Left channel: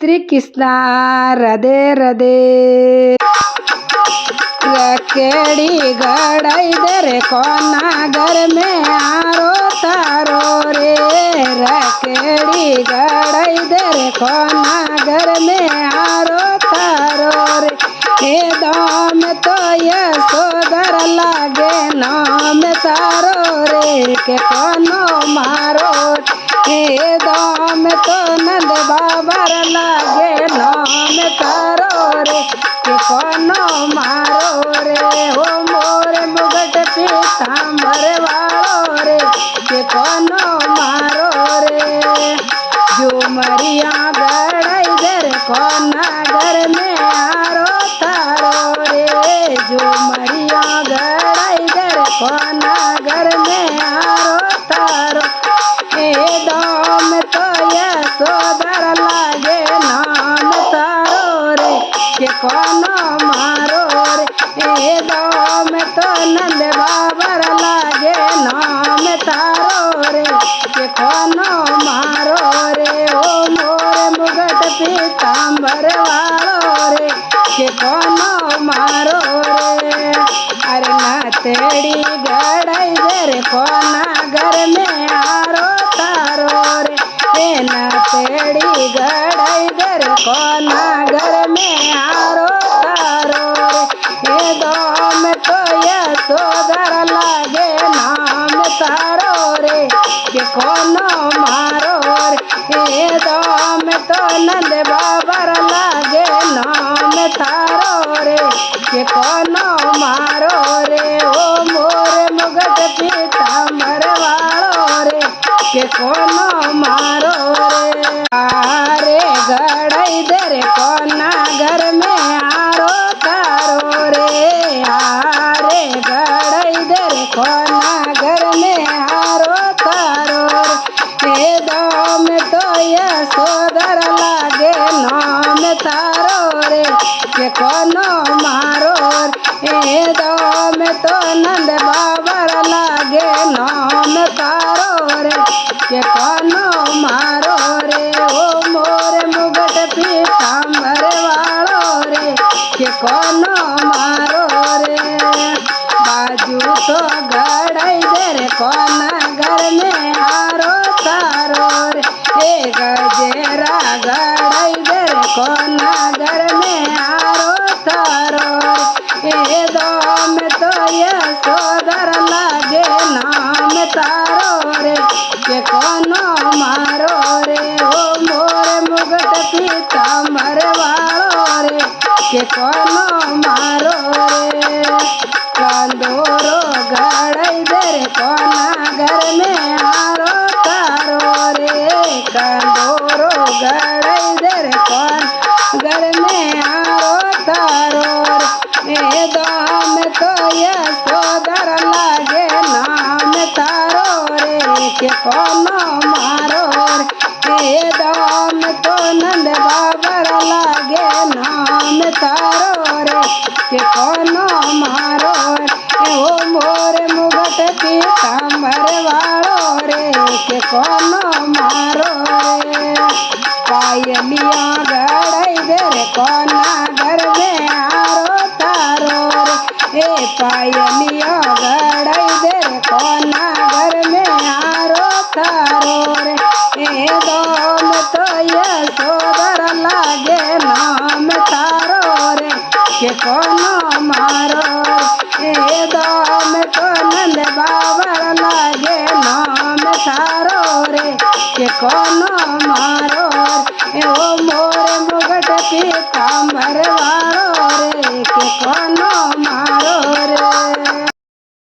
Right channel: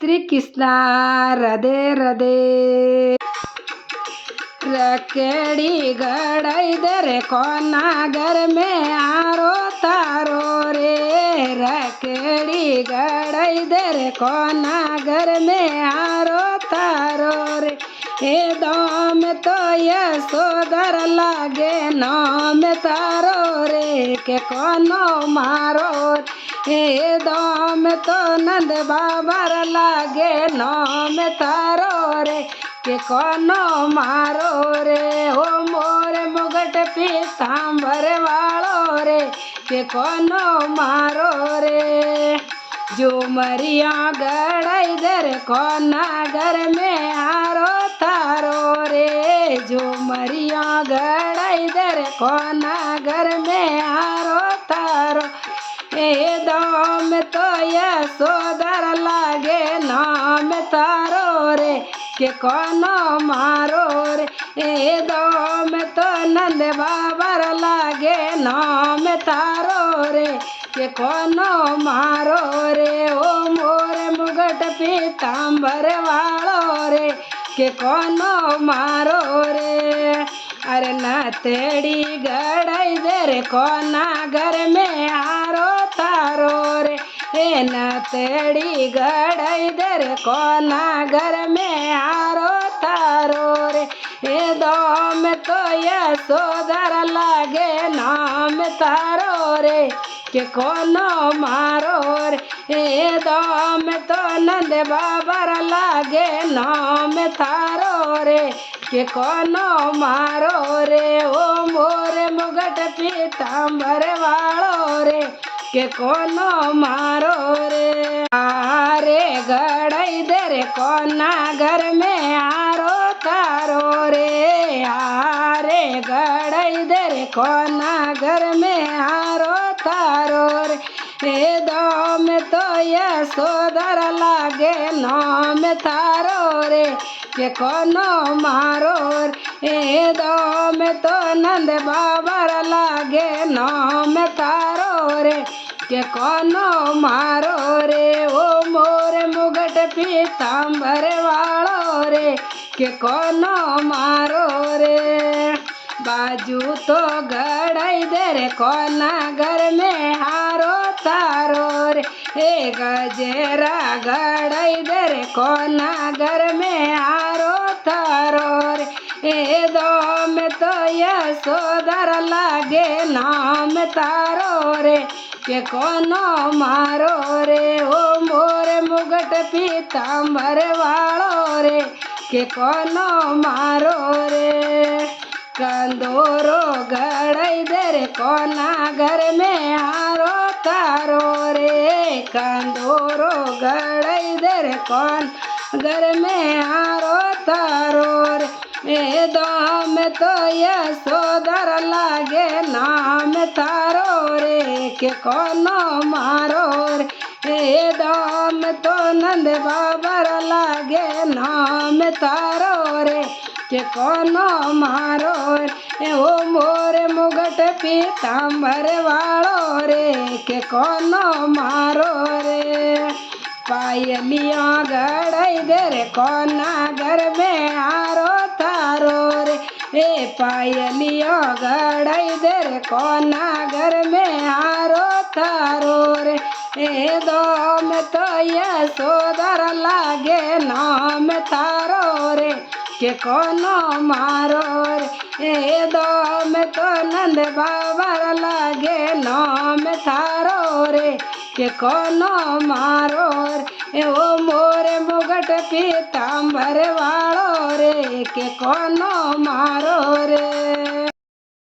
श्री कृष्णा राधे राधे। रखेड़ी गड़ाई दे रे कोना घर में आरो तारो रे। रखेड़ी गड़ाई दे रे कोना घर में आरो तारो रे। हे दाम तो यशोदर लागे नाम तारो रे के कोनो मारो। हे दाम तो नंद बाबर लागे नाम तारो रे के कोनो मारो रे। हो मोर मुगट पीतांबर वालो रे के कोनो मारो रे। जो मरिया गड़ाई दर कोना घर में आरो तारो रे। जो मरिया गड़ाई दर कोना घर में आरो तारो। ए दाम तो यशोदर लागे नाम तारो रे के कोनो मारो रे। ए दाम तो नंद बाबर लागे नाम तारो रे के कोनो मारो रे। ओ मोर मुगट पीतांबर वालो रे के कोनो मारो रे। अरे नातेड़ी गड़ाई दे रे कोना घर में आरो तारो रे। हे नातेड़ी गड़ाई दे रे कोना घर में आरो तारो रे। हे दाम तो यशोदर लागे नाम तारो रे के कोनो मारो रे। हे दाम तो नंद बाबर लागे नाम तारो रे के कोनो मारो रे। ओ मोर मुगट पीतांबर वालो रे के कोनो मारो रे। आरे गड़ाई दे रे कोना घर में आरो तारो रे। आरे गड़ाई दे रे कोना घर में आरो तारो रे। हे दाम तो यशोदर लागे नाम तारो रे के कोनो मारो रे। हे दाम तो नंद बाबर लागे नाम तारो रे के कोनो मारो रे। ओ मोर मुगट पीतांबर वालो रे के कोनो मारो रे। बाजू तो गड़ाई दे रे कोना घर में आरो तारो रे। हे गजेरा गड़ाई दे रे कोना घर में आरो तारो रे। हे दाम तो यशोदर लागे नाम तारो रे के कोनो मारो रे। ओ मोर मुगट पीतांबर वालो रे के कोनो मारो रे। कंदोरो गड़ाई दे रे कोना घर में आरो तारो रे। कंदोरो गड़ाई दे रे कोना घर में आरो तारो रे। ए दाम तो यशोदर लागे नाम तारो रे के कोनो मारो रे। ए दाम तो नंद बाबर लागे नाम तारो रे के कोनो मारो रे। ओ मोर मुगट पीतांबर वालो रे के कोनो मारो रे। पायलिया गड़ाई दे रे कोना घर में आरो तारो रे। ए पायलिया गड़ाई दे रे कोना घर में आरो तारो रे। ए दाम तो यशोदर लागे नाम तारो रे के कोनो मारो रे। ए दाम तो नंद बाबर लागे नाम तारो रे के कोनो मारो रे। ओ मोर मुगट पीतांबर वालो रे के कोनो मारो रे।